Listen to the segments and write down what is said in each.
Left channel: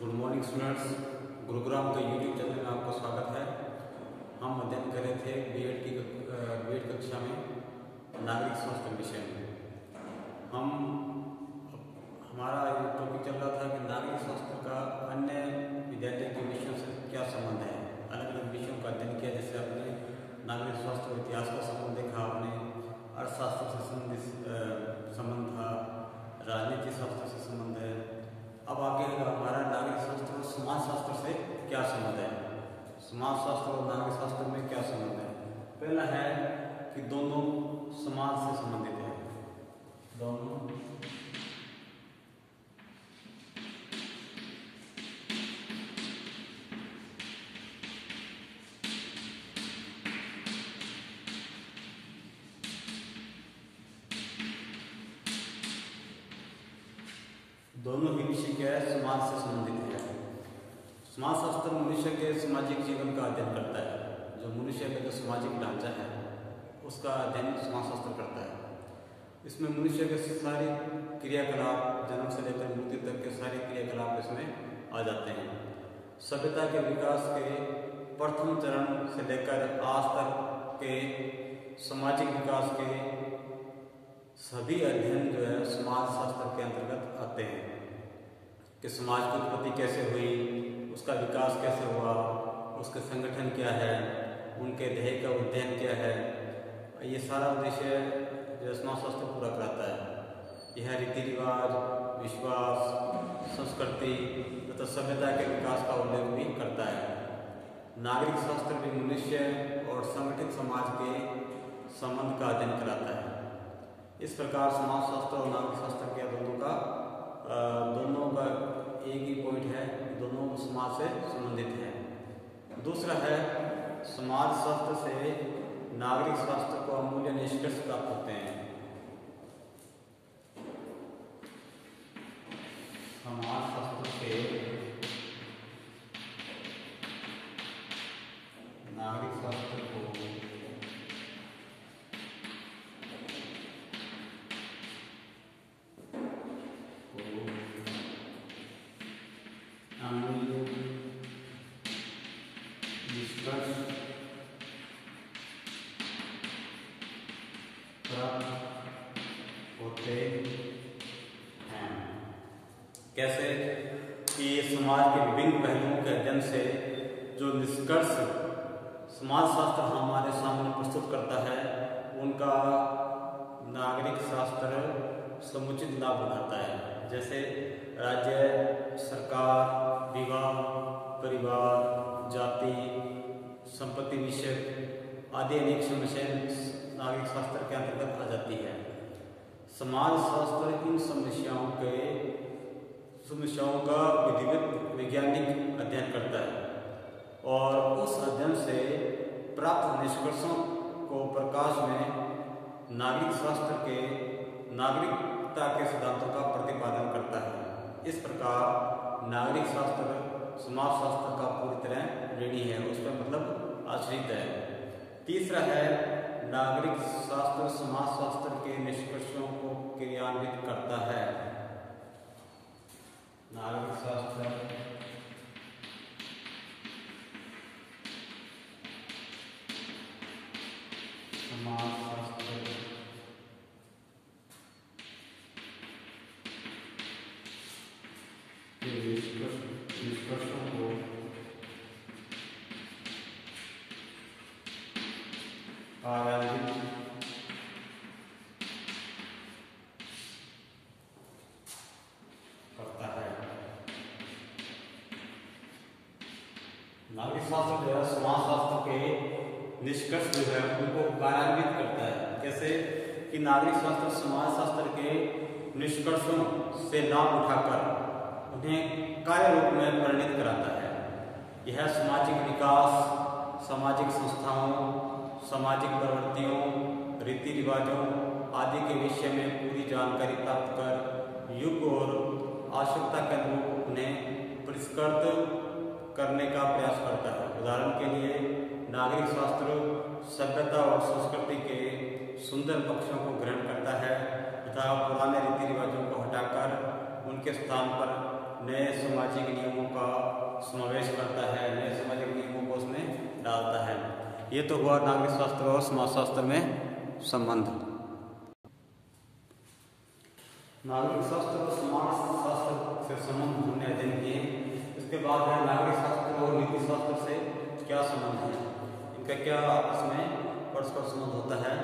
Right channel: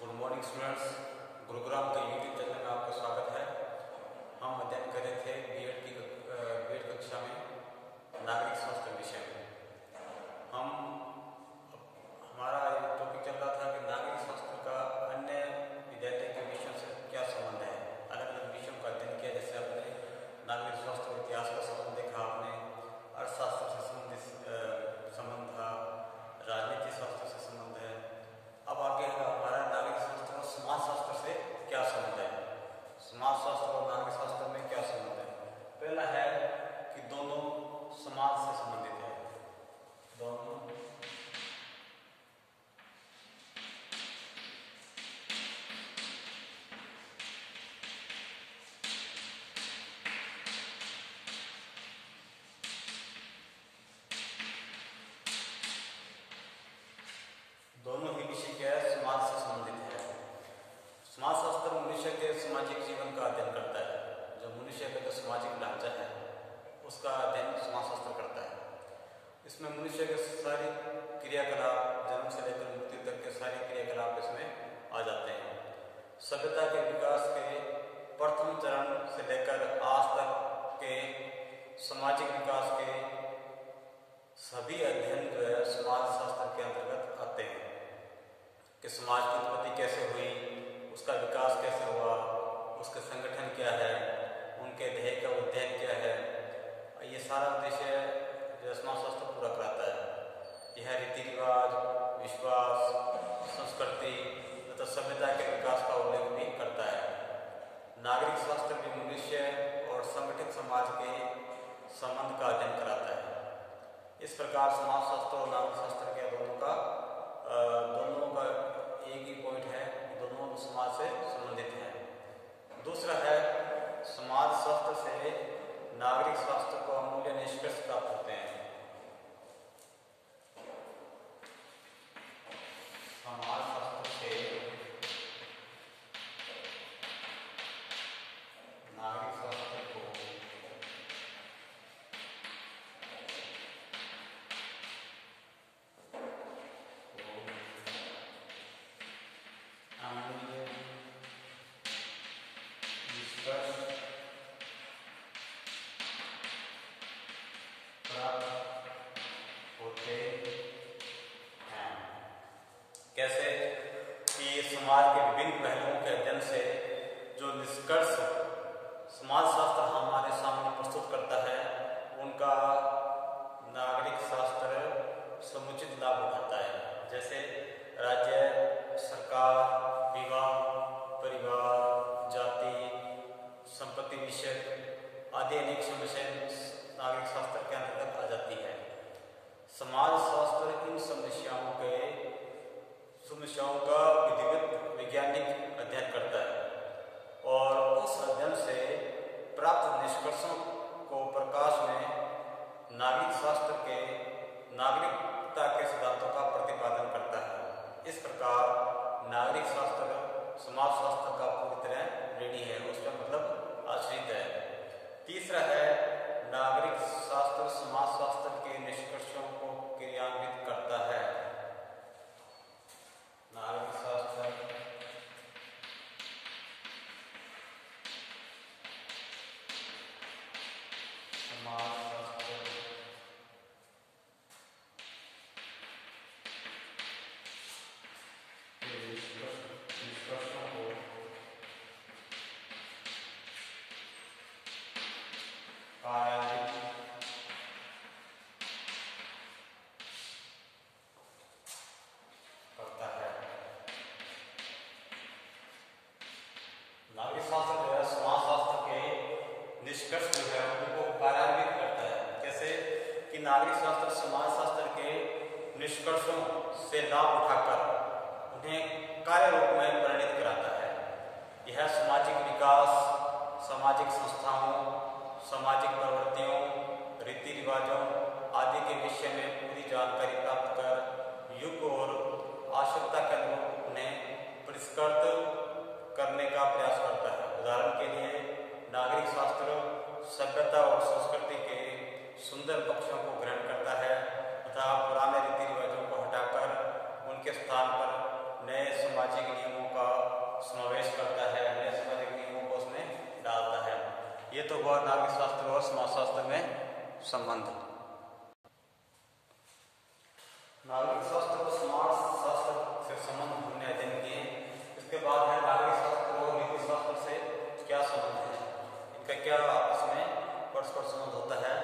Good morning students. Gurugram के YouTube channel में आपका स्वागत है। हम अध्ययन कर रहे थे बीएड कक्षा में नागरिक स्वास्थ्य विषय में। हमारा टॉपिक चल रहा था कि नागरिक स्वास्थ्य का अन्य विद्यालय के विषयों से क्या संबंध है। अलग अलग विषयों का अध्ययन किया, जैसे आपने नागरिक स्वास्थ्य इतिहास का संबंध देखा, आपने अर्थशास्त्र से संबंधित संबंध था, राजनीति शास्त्र से संबंध है। अब आगे हमारा नागरिक शास्त्र और समाज शास्त्र से क्या संबंध है। समाज शास्त्र और नागरिक शास्त्र में क्या संबंध है। पहला है कि दोनों समाज से संबंधित है। दोनों ही विषय क्या है, समाज से संबंधित है। समाज शास्त्र मनुष्य के सामाजिक जीवन का अध्ययन करता है। जो मनुष्य का जो सामाजिक ढांचा है उसका अध्ययन समाज शास्त्र करता है। इसमें मनुष्य के सारे क्रियाकलाप, जन्म से लेकर मृत्यु तक के सारे क्रियाकलाप इसमें आ जाते हैं। सभ्यता के विकास के प्रथम चरण से लेकर आज तक के सामाजिक विकास के सभी अध्ययन जो है समाज शास्त्र के अंतर्गत आते हैं। कि समाज की उत्पत्ति कैसे हुई, उसका विकास कैसे हुआ, उसके संगठन क्या है, उनके ध्येय का अध्ययन क्या है, ये सारा उद्देश्य जो समाज शास्त्र पूरा कराता है। यह रीति रिवाज, विश्वास, संस्कृति तथा सभ्यता के विकास का उल्लेख भी करता है। नागरिक शास्त्र भी मनुष्य और संगठित समाज के संबंध का अध्ययन कराता है। इस प्रकार समाज शास्त्र और नागरिक शास्त्र के दोनों का एक ही पॉइंट है, दोनों समाज से संबंधित है। दूसरा है, समाज शास्त्र से नागरिक शास्त्र को अमूल्य निष्कर्ष प्राप्त होते हैं। समाज शास्त्र से नागरिक शास्त्र को अमूल्य निष्कर्ष प्राप्त होते हैं। कैसे कि समाज के विभिन्न पहलुओं के अध्ययन से जो निष्कर्ष समाज शास्त्र हमारे सामने प्रस्तुत करता है, उनका नागरिक शास्त्र समुचित लाभ उठाता है। जैसे राज्य, सरकार, विवाह, परिवार, जाति, संपत्ति विषय आदि अनेक समस्याएं नागरिक शास्त्र के अंतर्गत आ जाती है। समाज शास्त्र इन समस्याओं का विधिवत वैज्ञानिक अध्ययन करता है और उस अध्ययन से प्राप्त निष्कर्षों को प्रकाश में नागरिक शास्त्र के नागरिकता के सिद्धांतों का प्रतिपादन करता है। इस प्रकार नागरिक शास्त्र समाज शास्त्र का पूरी तरह ऋणी है, उस पर मतलब आश्रित है। तीसरा है, नागरिक शास्त्र समाज शास्त्र के निष्कर्षों को क्रियान्वित करता है। नागरिक शास्त्र समाज शास्त्र के निष्कर्षों को कार्यान्वित करता है। नागरिक शास्त्र जो है समाज शास्त्र के निष्कर्ष जो है उनको कार्यान्वित करता है। कैसे कि नागरिक शास्त्र समाज शास्त्र के निष्कर्षों से लाभ उठाकर उन्हें कार्य रूप में परिणित कराता है। यह सामाजिक विकास, सामाजिक संस्थाओं, सामाजिक प्रवृत्तियों, रीति रिवाजों आदि के विषय में पूरी जानकारी प्राप्त कर युग और आवश्यकता के अनुरूप उन्हें परिष्कृत करने का प्रयास करता है। उदाहरण के लिए नागरिक शास्त्र सभ्यता और संस्कृति के सुंदर पक्षों को ग्रहण करता है तथा पुराने रीति रिवाजों को हटाकर उनके स्थान पर नए सामाजिक नियमों का समावेश करता है, नए सामाजिक नियमों को उसमें डालता है। ये तो हुआ नागरिक शास्त्र और समाजशास्त्र में संबंध। नागरिक शास्त्र और समाज शास्त्र से संबंध हमने अध्ययन किए। इसके बाद है नागरिक शास्त्र और नीति शास्त्र से क्या संबंध है, इनका क्या आपस में परस्पर संबंध होता है।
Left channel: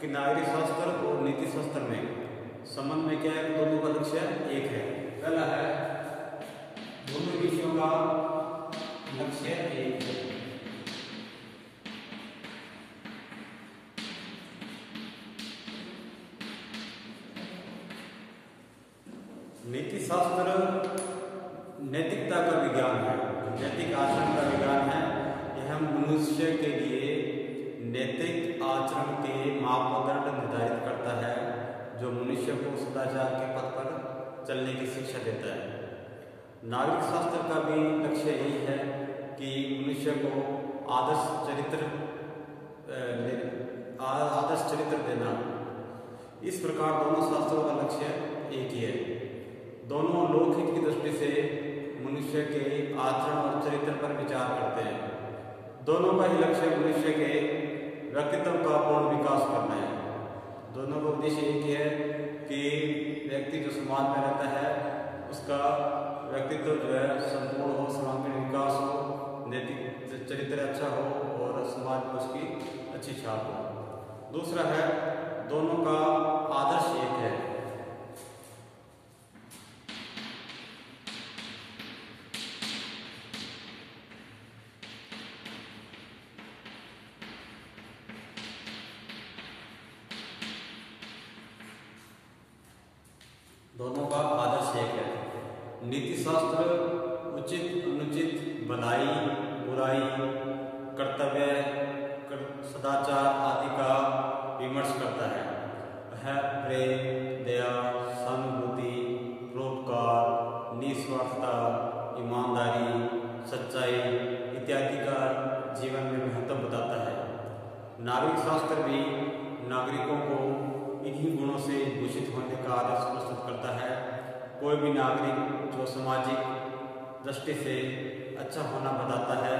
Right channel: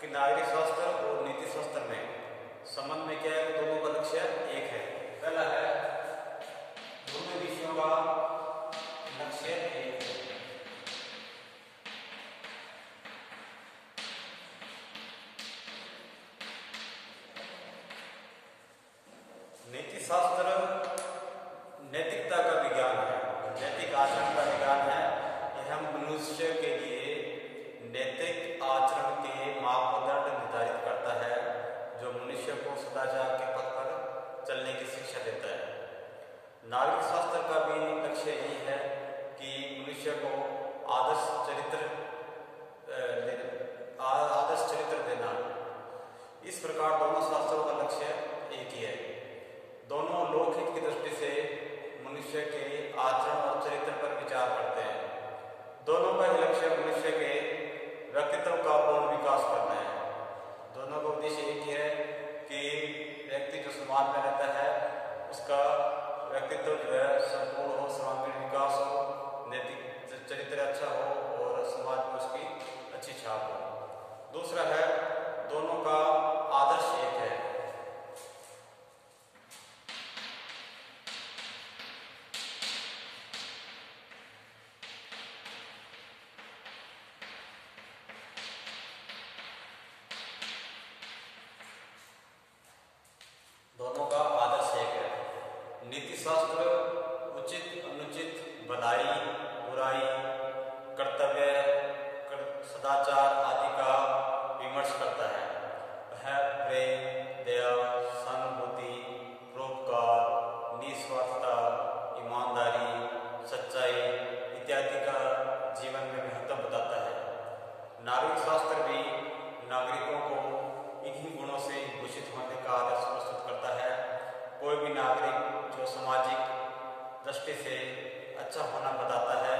कि नागरिक शास्त्र और नीति शास्त्र में संबंध में क्या है, दोनों का लक्ष्य एक है। पहला है दोनों विषयों का लक्ष्य एक है। नीति शास्त्र नैतिकता का विज्ञान है, नैतिक आचरण का विज्ञान है। यह मनुष्य के लिए नैतिक आचरण के मापदंड निर्धारित करता है, जो मनुष्य को सदाचार के पथ पर चलने की शिक्षा देता है। नागरिक शास्त्र का भी लक्ष्य यही है कि मनुष्य को आदर्श चरित्र देना। इस प्रकार दोनों शास्त्रों का लक्ष्य एक ही है। दोनों लोकहित की दृष्टि से मनुष्य के आचरण और चरित्र पर विचार करते हैं। दोनों का ही लक्ष्य मनुष्य के व्यक्तित्व का पूर्ण विकास करना है। दोनों का उद्देश्य एक ही है कि व्यक्ति जो समाज में रहता है उसका व्यक्तित्व जो है संपूर्ण हो, सर्वांगीण विकास हो, नैतिक चरित्र अच्छा हो और समाज में उसकी अच्छी छाप हो। दूसरा है दोनों का आदर्श एक है। दोनों का आदर्श एक है। नीति शास्त्र उचित अनुचित, भलाई बुराई, कर्तव्य, सदाचार आदि का विमर्श करता है। वह प्रेम, दया, सहानुभूति, परोपकार, निस्वार्थता, ईमानदारी, सच्चाई इत्यादि का जीवन में महत्व बताता है। नागरिक शास्त्र भी नागरिकों को इन्हीं गुणों से भूषित होने का आदर्श प्रस्तुत करता है। कोई भी नागरिक जो सामाजिक दृष्टि से अच्छा होना बताता है,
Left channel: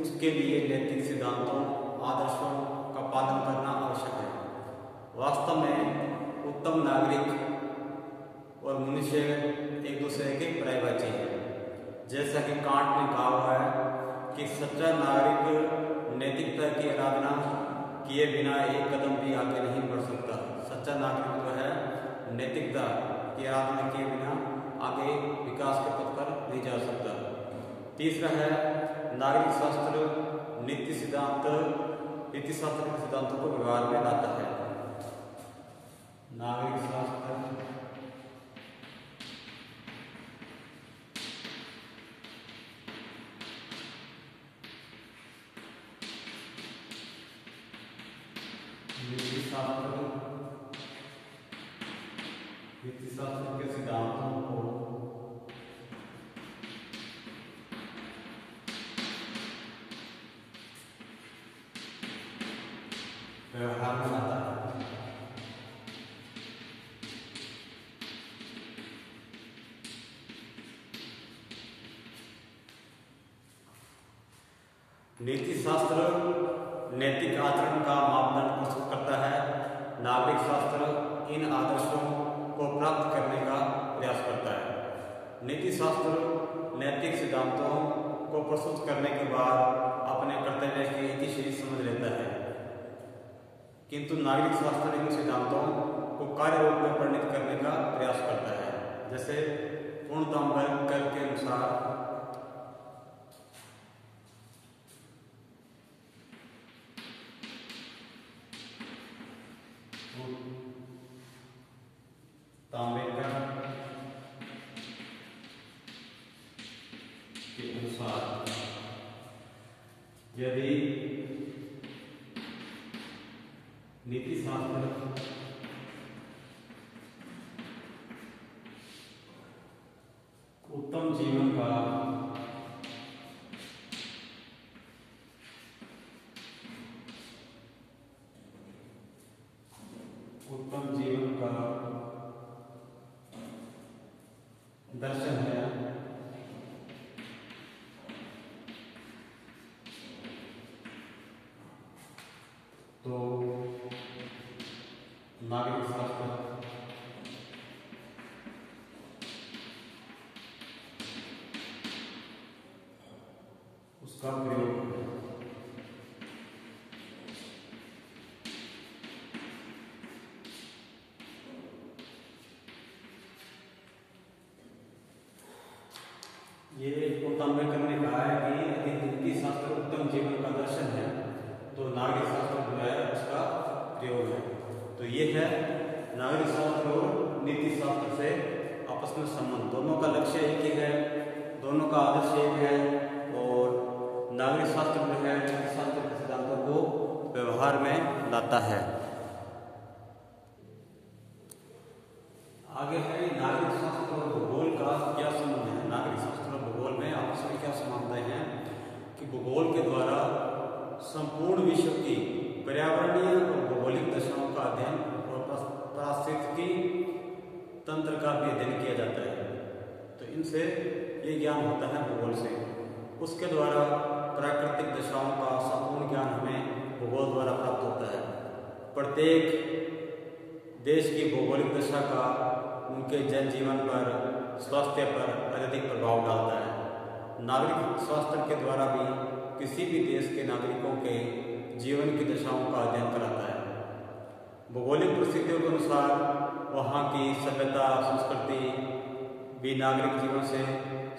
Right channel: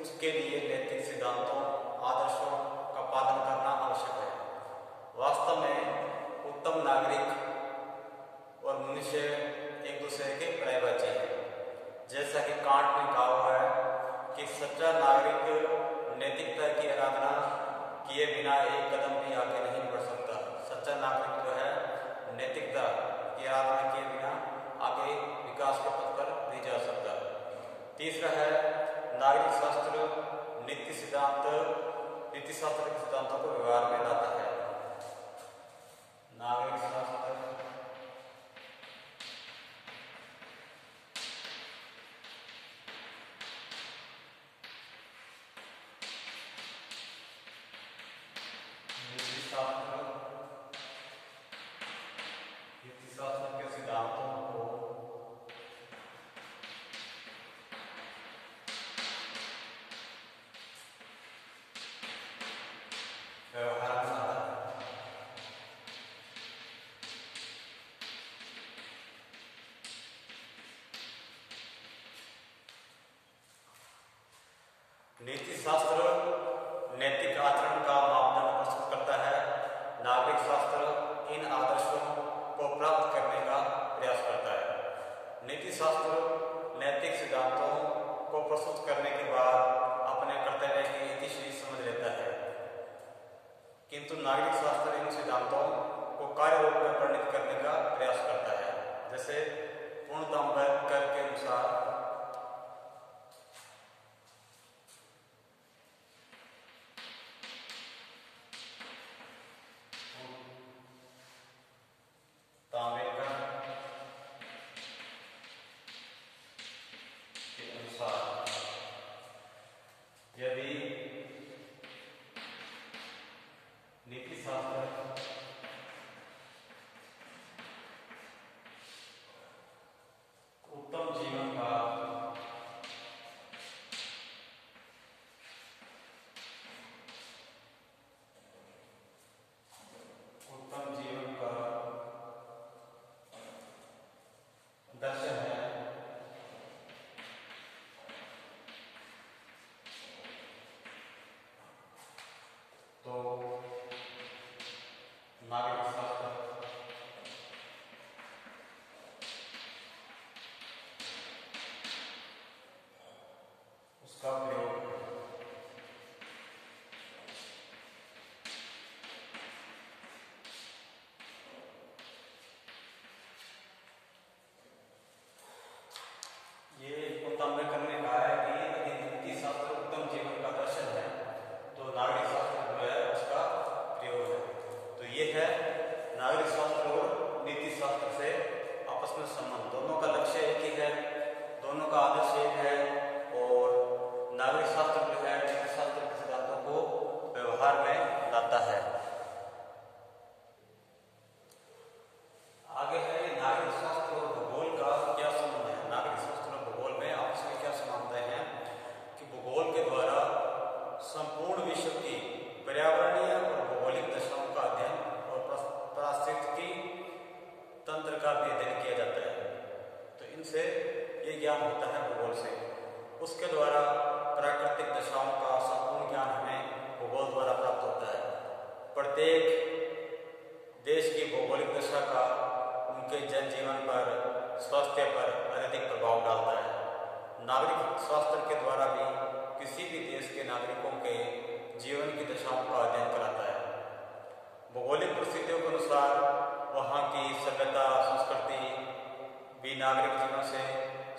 उसके लिए नैतिक सिद्धांतों, आदर्शों का पालन करना आवश्यक है। वास्तव में उत्तम नागरिक और मनुष्य एक दूसरे के पर्यायवाची हैं। जैसा कि कांट ने कहा हुआ है कि सच्चा नागरिक नैतिकता की आराधना किए बिना एक कदम भी आगे नहीं बढ़ सकता। सच्चा नागरिक जो है नैतिकता की आराधना किए बिना आगे विकास के पथ पर नहीं जा सकता। तीसरा है नागरिक शास्त्र नीति शास्त्र के सिद्धांतों को व्यवहार में लाता है। नागरिक शास्त्र नीति शास्त्र के सिद्धांतों को व्यवहार में लाता है। नीति शास्त्र नैतिक आचरण का मापदंड प्रस्तुत करता है। नागरिक शास्त्र इन आदर्शों को प्राप्त करने का प्रयास करता है। नीति शास्त्र नैतिक सिद्धांतों को प्रस्तुत करने के बाद अपने कर्तव्य की इतिश्री समझ लेता है, किंतु नागरिक शास्त्र इन सिद्धांतों को कार्य रूप में परिणत करने का प्रयास करता है। जैसे पूर्णतम वर्ग कर के अनुसार के अनुसार यदि नीति शास्त्र उत्तम जीवन का नागरिक शास्त्र उसका प्रयोग। ये 95 करने का है कि यदि नीति शास्त्र उत्तम जीवन का दर्शन है तो नागरिक शास्त्र जो है उसका प्रयोग है। तो ये है नागरिक शास्त्र और नीति शास्त्र से आपस में संबंध, दोनों का लक्ष्य एक ही है, दोनों का आदर्श एक है। और नागरिक शास्त्र जो है नीति शास्त्र के सिद्धांतों को व्यवहार में लाता है। आगे है नागरिक शास्त्र और भूगोल का क्या संबंध है। नागरिक शास्त्र और भूगोल में आपस में क्या समानताएं हैं कि भूगोल के द्वारा संपूर्ण विश्व की पर्यावरणीय और भौगोलिक दशाओं का अध्ययन और पारिस्थितिकी तंत्र का भी अध्ययन किया जाता है। तो इनसे ये ज्ञान होता है भूगोल से। उसके द्वारा प्राकृतिक दशाओं का संपूर्ण ज्ञान हमें भूगोल द्वारा प्राप्त होता है। प्रत्येक देश की भौगोलिक दशा का उनके जनजीवन पर, स्वास्थ्य पर अत्यधिक प्रभाव डालता है। नागरिक शास्त्र के द्वारा भी किसी भी देश के नागरिकों के जीवन की दशाओं का अध्ययन कराता है। भौगोलिक परिस्थितियों के अनुसार वहाँ की सभ्यता, संस्कृति भी नागरिक जीवन से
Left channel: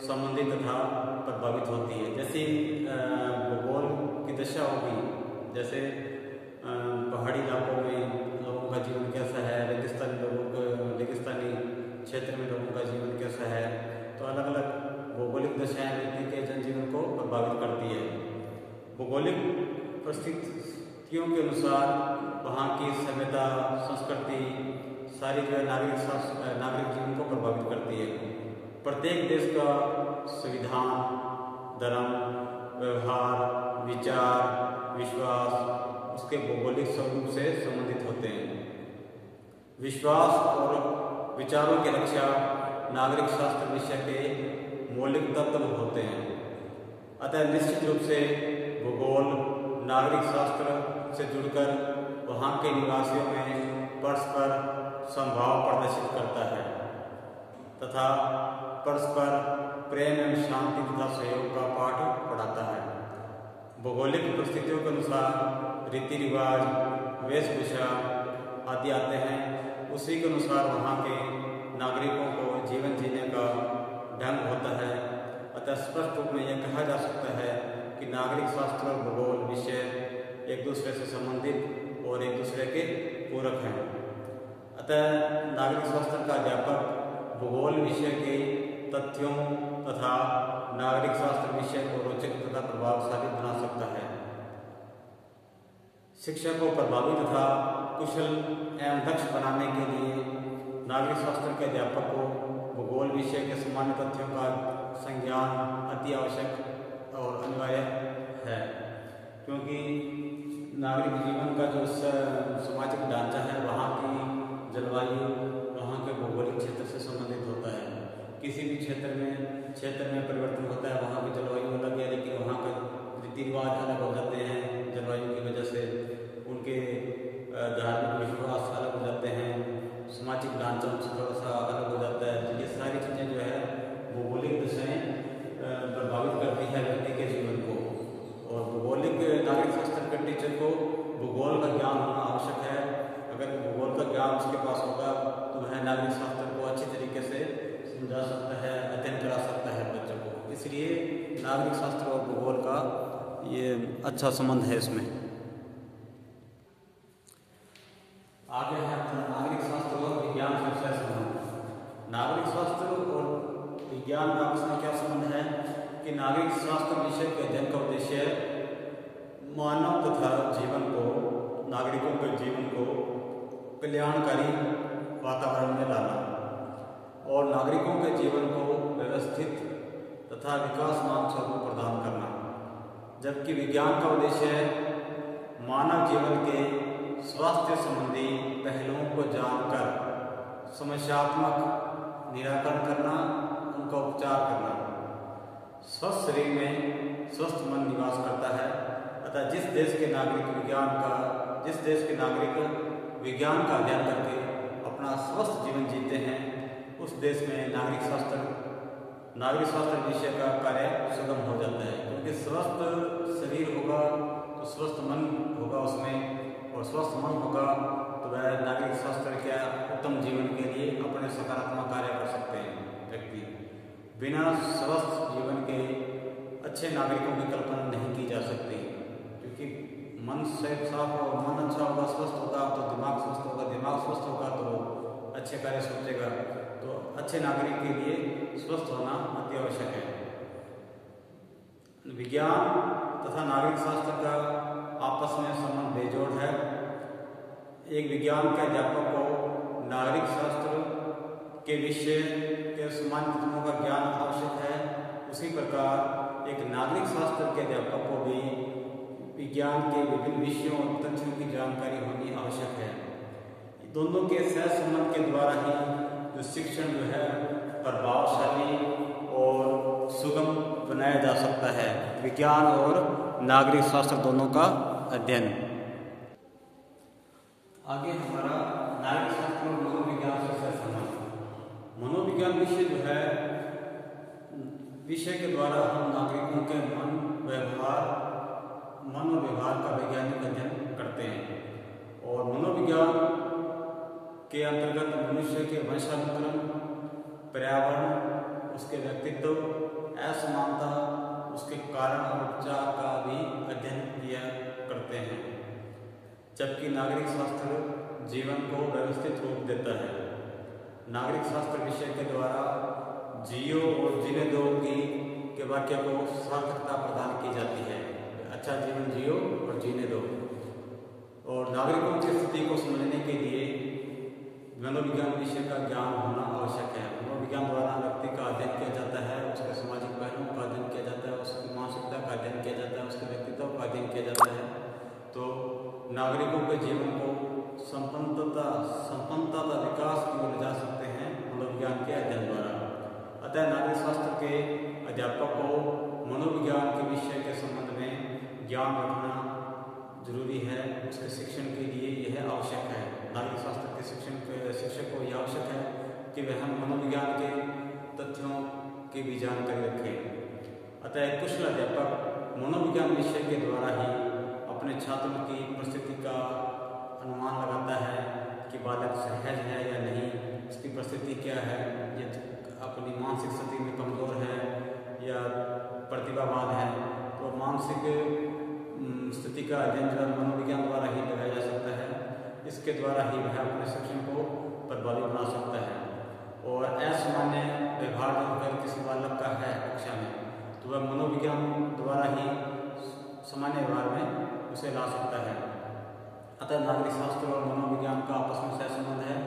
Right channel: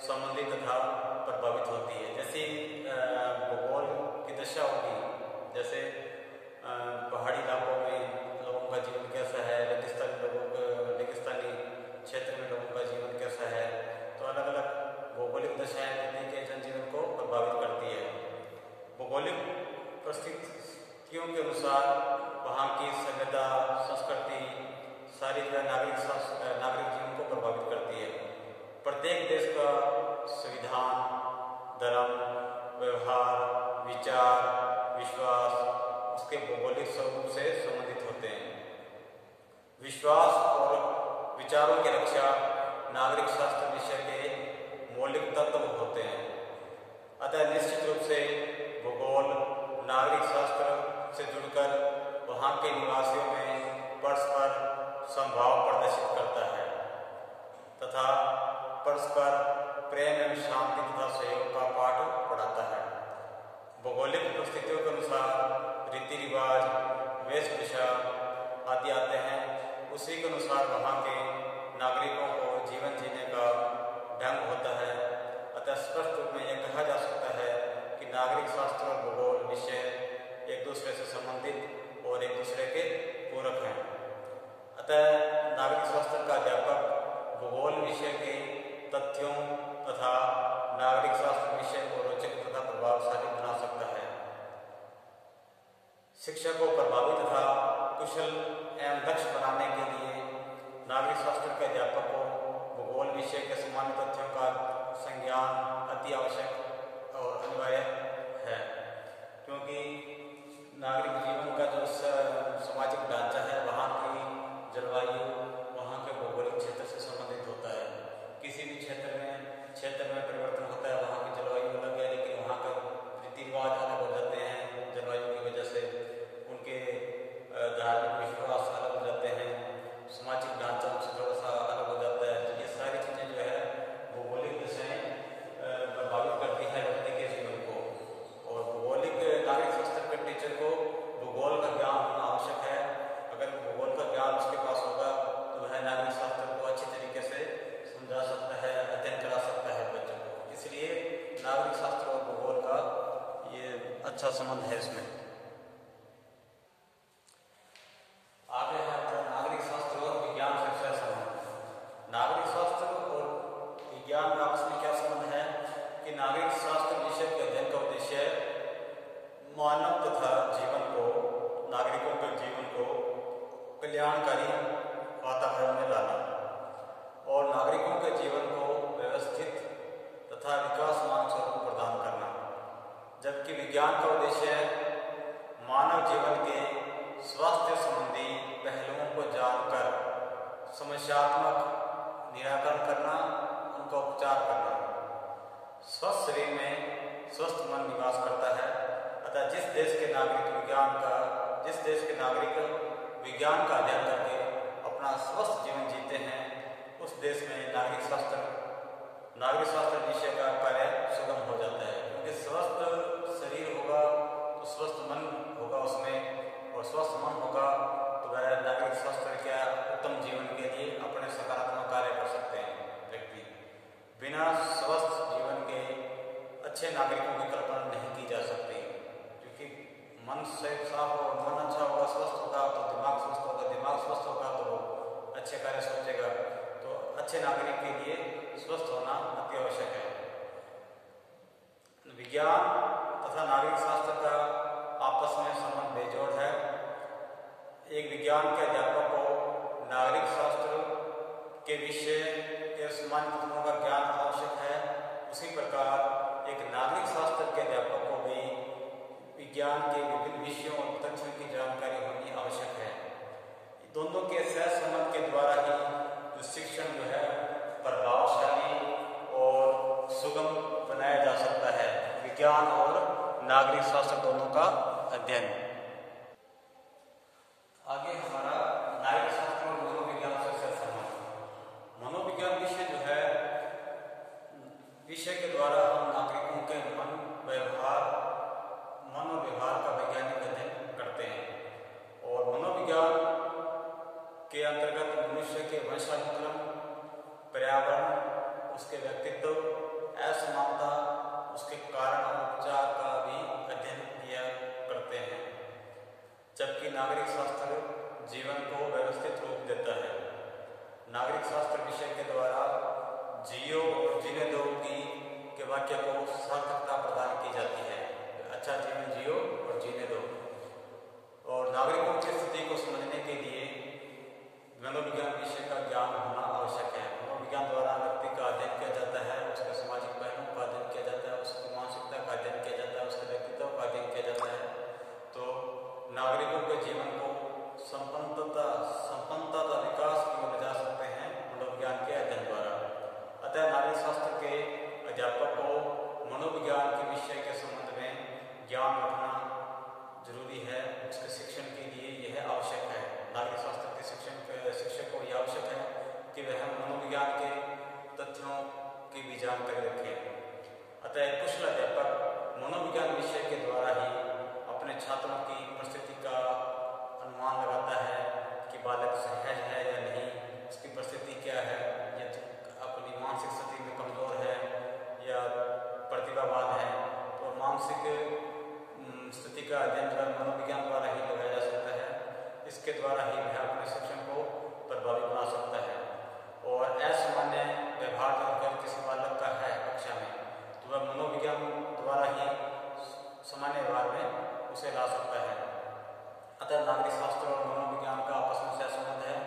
संबंधित तथा प्रभावित होती है। जैसे भूगोल की दशा होगी, जैसे पहाड़ी इलाकों में लोगों का जीवन कैसा है, रेगिस्तानी क्षेत्र में लोगों का जीवन कैसा है, तो अलग अलग भौगोलिक दशाएं व्यक्ति के जनजीवन को प्रभावित करती है। भौगोलिक परिस्थितियों के अनुसार वहाँ की सभ्यता, संस्कृति सारी जो है नागरिक जीवन को प्रभावित करती है। प्रत्येक देश का संविधान, धर्म, व्यवहार, विचार, विश्वास उसके भौगोलिक स्वरूप से संबंधित होते हैं। विश्वास और विचारों की रक्षा नागरिक शास्त्र विषय के मौलिक तत्व होते हैं। अतः निश्चित रूप से भूगोल नागरिक शास्त्र से जुड़कर वहाँ के निवासियों में परस्पर समभाव प्रदर्शित करता है तथा परस्पर प्रेम एवं शांति तथा सहयोग का पाठ पढ़ाता है। भौगोलिक परिस्थितियों के अनुसार रीति रिवाज, वेशभूषा आदि आते हैं। उसी के अनुसार वहाँ के नागरिकों को जीवन जीने का ढंग होता है। अतः स्पष्ट रूप में यह कहा जा सकता है कि नागरिक शास्त्र और भूगोल विषय एक दूसरे से संबंधित और एक दूसरे के पूरक हैं। अतः नागरिक शास्त्र का अध्यापक भूगोल विषय के तथ्यों तथा नागरिक शास्त्र विषय को रोचक तथा प्रभावशाली बना सकता है। शिक्षा को प्रभावी तथा कुशल एवं दक्ष बनाने के लिए नागरिक शास्त्र के अध्यापक को भूगोल विषय के सामान्य तथ्यों का संज्ञान अति आवश्यक और अनिवार्य है, क्योंकि नागरिक जीवन का जो सामाजिक ढांचा है, वहाँ की जलवायु वहाँ के भौगोलिक क्षेत्र से संबंधित होता है। किसी भी क्षेत्र में परिवर्तन होता है, वहाँ की जलवायु अलग है, लेकिन वहाँ का रीति रिवाज अलग हो जाते हैं। जलवायु की वजह से उनके धार्मिक विश्वास अलग हो जाते हैं, सामाजिक ढांचा उनसे थोड़ा सा अलग हो जाता है। ये सारी चीज़ें जो है भौगोलिक दशाएं प्रभावित करती है व्यक्ति के जीवन को। और भौगोलिक नागरिक शास्त्र के टीचर को भूगोल का ज्ञान होना आवश्यक है। अगर भूगोल का ज्ञान उसके पास होगा तो वह नागरिक शास्त्र को अच्छी तरीके से समझा सकता है, अध्ययन करा सकता है बच्चों को। इसलिए नागरिक शास्त्र और भूगोल का ये अच्छा संबंध है इसमें। आगे है नागरिक शास्त्र और विज्ञान से संबंध। नागरिक शास्त्र और विज्ञान का आपस में क्या संबंध है कि नागरिक शास्त्र विषय के अध्ययन का उद्देश्य मानव तथा नागरिकों के जीवन को कल्याणकारी वातावरण में लाना और नागरिकों के जीवन को व्यवस्थित तथा विकासमान स्वरूप प्रदान करना। जबकि विज्ञान का उद्देश्य है मानव जीवन के स्वास्थ्य संबंधी पहलुओं को जानकर समस्यात्मक निराकरण करना, उनका उपचार करना। स्वस्थ शरीर में स्वस्थ मन निवास करता है। अतः जिस देश के नागरिक विज्ञान का अध्ययन करके अपना स्वस्थ जीवन जीते हैं, उस देश में नागरिक स्वास्थ्य विषय का कार्य सुगम हो जाता है। क्योंकि स्वस्थ शरीर होगा तो स्वस्थ मन होगा उसमें, और स्वस्थ मन होगा तो वह नागरिक स्वास्थ्य क्या उत्तम जीवन के लिए अपने सकारात्मक कार्य कर सकते हैं। व्यक्ति बिना स्वस्थ जीवन के अच्छे नागरिकों की कल्पना नहीं की जा सकती, क्योंकि मन से साफ हो, मन अच्छा होगा, स्वस्थ होगा तो दिमाग स्वस्थ होगा, दिमाग स्वस्थ होगा तो अच्छे कार्य सोचेगा। तो अच्छे नागरिक के लिए स्वस्थ होना अति आवश्यक है। विज्ञान तथा नागरिक शास्त्र का आपस में संबंध बेजोड़ है। एक विज्ञान के अध्यापक को नागरिक शास्त्र के विषय के सामान्य तत्वों का ज्ञान आवश्यक है, उसी प्रकार एक नागरिक शास्त्र के अध्यापक को भी विज्ञान के विभिन्न विषयों और तथ्यों की जानकारी होनी आवश्यक है। दोनों के सहसंबंध के द्वारा ही जो शिक्षण जो है प्रभावशाली और सुगम बनाया जा सकता है। विज्ञान और नागरिक शास्त्र दोनों का अध्ययन। आगे हमारा नागरिक शास्त्र और मनोविज्ञान से सहसंबंध। मनोविज्ञान विषय जो है, विषय के द्वारा हम नागरिकों के मन और व्यवहार का वैज्ञानिक अध्ययन करते हैं। और मनोविज्ञान के अंतर्गत मनुष्य के वंशानुक्रम, पर्यावरण, उसके व्यक्तित्व, असमानता, उसके कारण और उपचार का भी अध्ययन किया करते हैं। जबकि नागरिक शास्त्र जीवन को व्यवस्थित रूप देता है। नागरिक शास्त्र विषय के द्वारा जियो और जीने दो के वाक्य को सार्थकता प्रदान की जाती है। अच्छा जीवन जियो और जीने दो। और नागरिकों की स्थिति को समझने के लिए मनोविज्ञान विषय का ज्ञान होना आवश्यक है। मनोविज्ञान द्वारा व्यक्ति का अध्ययन किया जाता है, उसके सामाजिक पहलुओं का अध्ययन किया जाता है, उसकी मानसिकता का अध्ययन किया जाता है, उसके व्यक्तित्व का अध्ययन किया जाता है। तो नागरिकों के जीवन को संपन्नता विकास की ओर ले जा सकते हैं मनोविज्ञान के अध्ययन द्वारा। अतः नागरिक शास्त्र के अध्यापक को मनोविज्ञान के विषय के संबंध में ज्ञान रखना जरूरी है। उसके शिक्षण के लिए यह आवश्यक है। नागरिक शास्त्र के शिक्षक को यह आवश्यक है कि वह मनोविज्ञान के तथ्यों की भी जानकारी रखें। अतः एक कुशल अध्यापक मनोविज्ञान विषय के द्वारा ही अपने छात्रों की परिस्थिति का अनुमान लगाता है कि बालक सहज है या नहीं, उसकी परिस्थिति क्या है, ये अपनी मानसिक स्थिति में कमजोर है या प्रतिभावान है। तो मानसिक स्थिति का अध्ययन जो है मनोविज्ञान द्वारा ही लगाया जा सकता है। इसके द्वारा ही वह अपने शिक्षण को प्रभावी बना सकता है। और असामान्य व्यवहार जो अगर किसी बालक का है कक्षा में, तो वह मनोविज्ञान द्वारा ही सामान्य व्यवहार में उसे ला सकता है। अतः नागरिक शास्त्र और मनोविज्ञान का आपस में सहसंबंध है।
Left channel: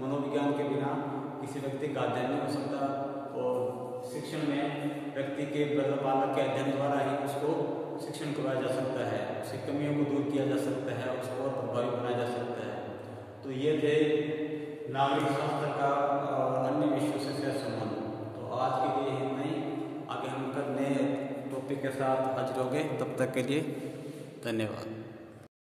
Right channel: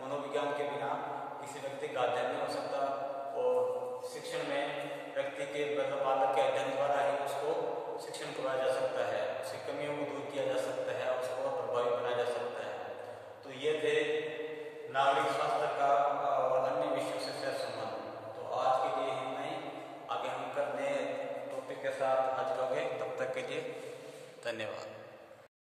मनोविज्ञान के बिना किसी व्यक्ति का अध्ययन नहीं हो सकता। और शिक्षण में व्यक्ति के बालक के अध्ययन द्वारा ही उसको शिक्षण करवाया जा सकता है, उसकी कमियों को दूर किया जा सकता है, उसको और प्रभावी बनाया जा सकता है। तो ये थे नागरिक शास्त्र का और अन्य विषयों से सहसंबंध। तो आज के लिए इतना ही। आगे हम नए टॉपिक के साथ हाजिर होंगे। तब तक के लिए धन्यवाद।